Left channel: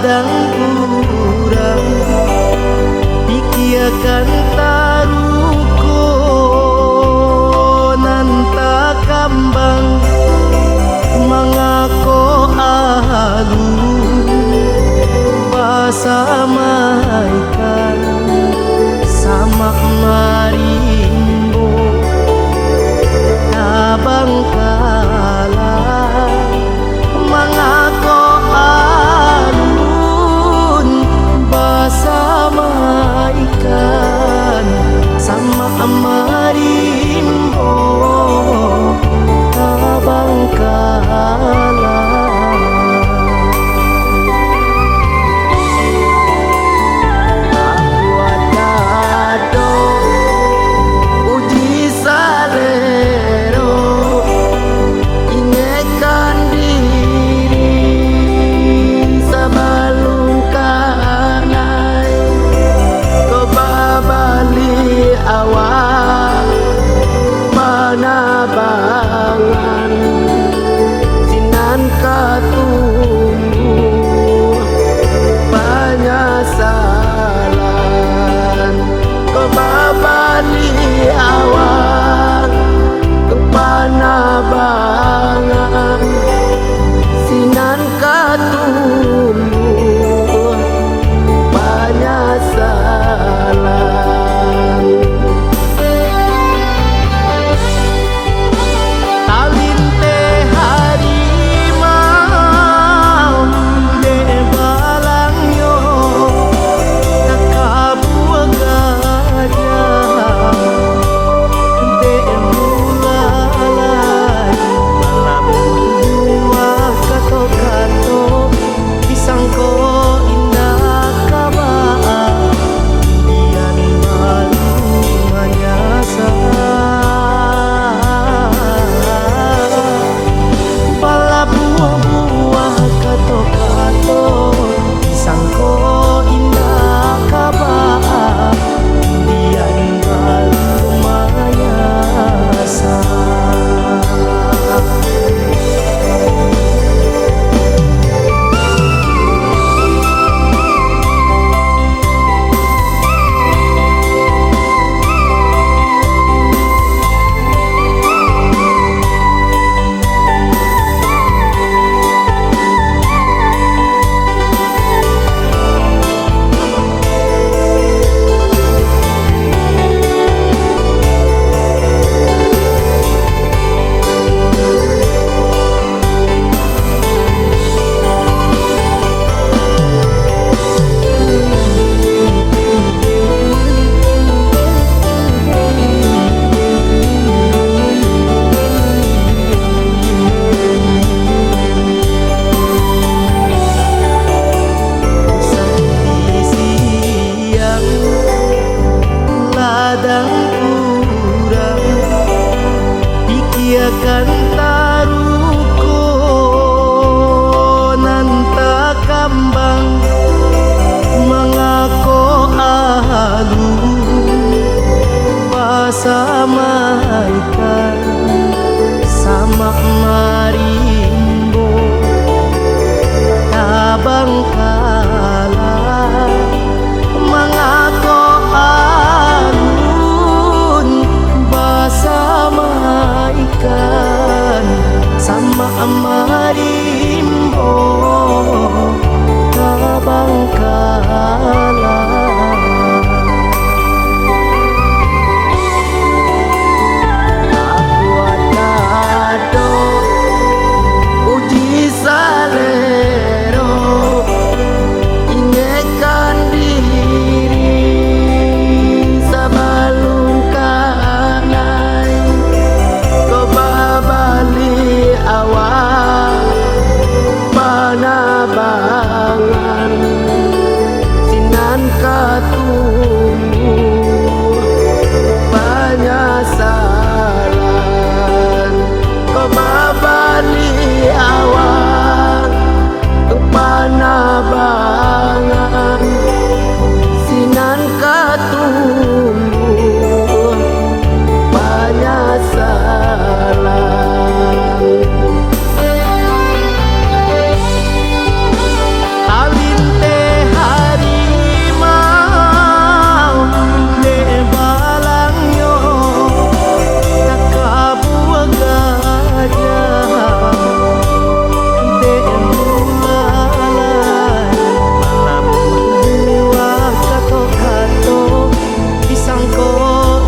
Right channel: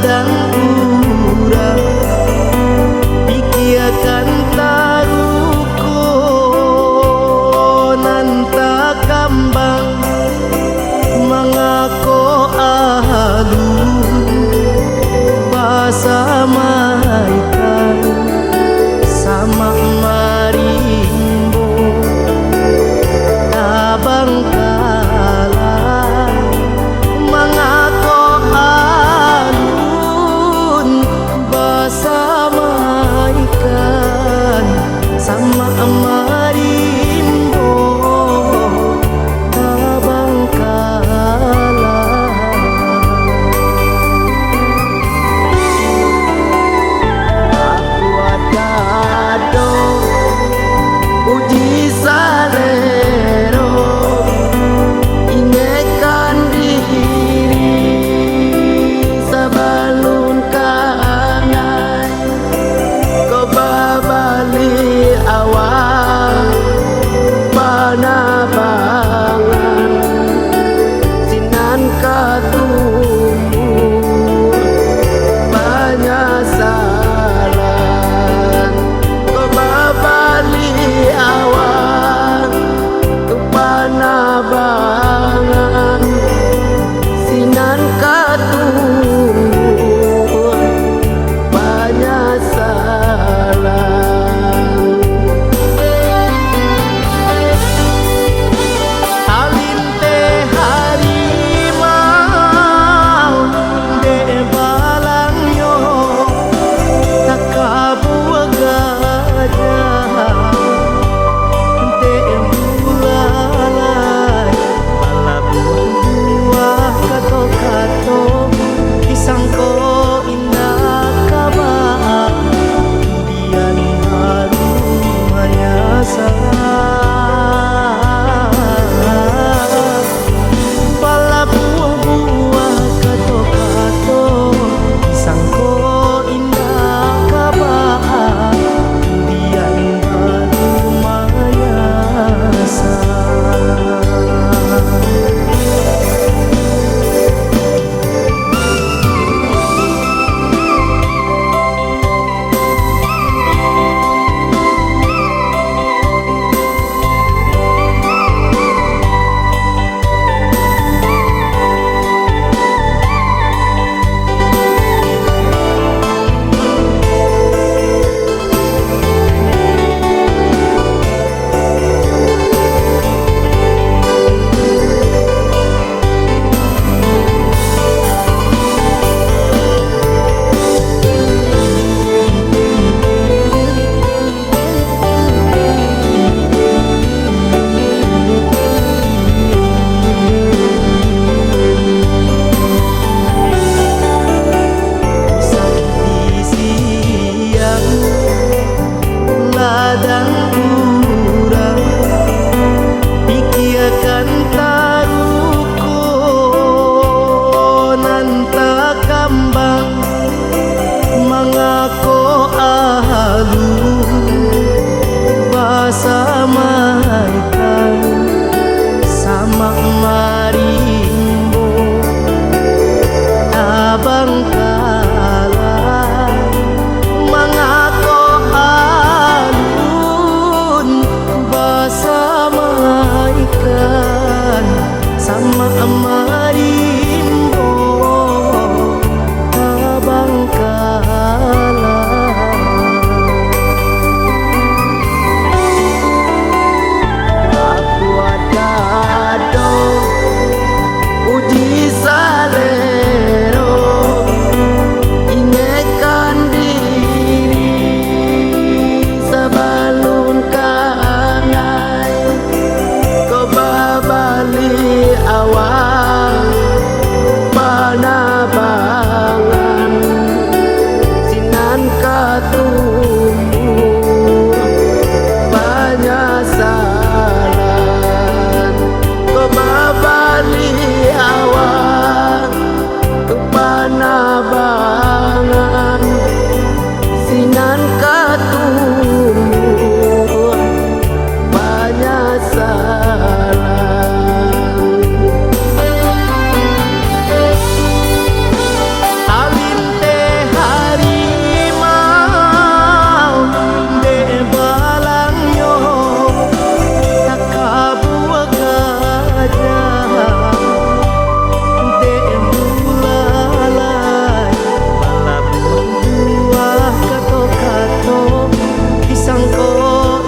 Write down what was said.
ladang urang pikiakan taruko nanta kambang mangako alun basa maikan sama marimbo tabang kalah mangako alun basa maikan sama marimbo tabang kalah. Aku adado uji salero ingekan diri sabalun kanai ko babali awak panabangan sinan katumbuh penyesalan ko babali awak panabangan sinan katumbuh penyesalan. Talinte harimau de balangyo takabuah gajah de bulalai bala buah-buah kato-kato disangko indah kabah kemudian baru menyasar bala buah-buah kato-kato disangko indah kabah kemudian baru menyasar. Ladang urang pikiakan taruko nanta kambang mangako alun basa maikan sama marimbo tabang kalah mangako alun basa maikan sama marimbo tabang kalah. Aku adado uji salero ingekan diri sabalun kanai ko babali awak panabangan sinan katumbuh penyesalan ko babali awak panabangan sinan katumbuh penyesalan. Talin kato disangko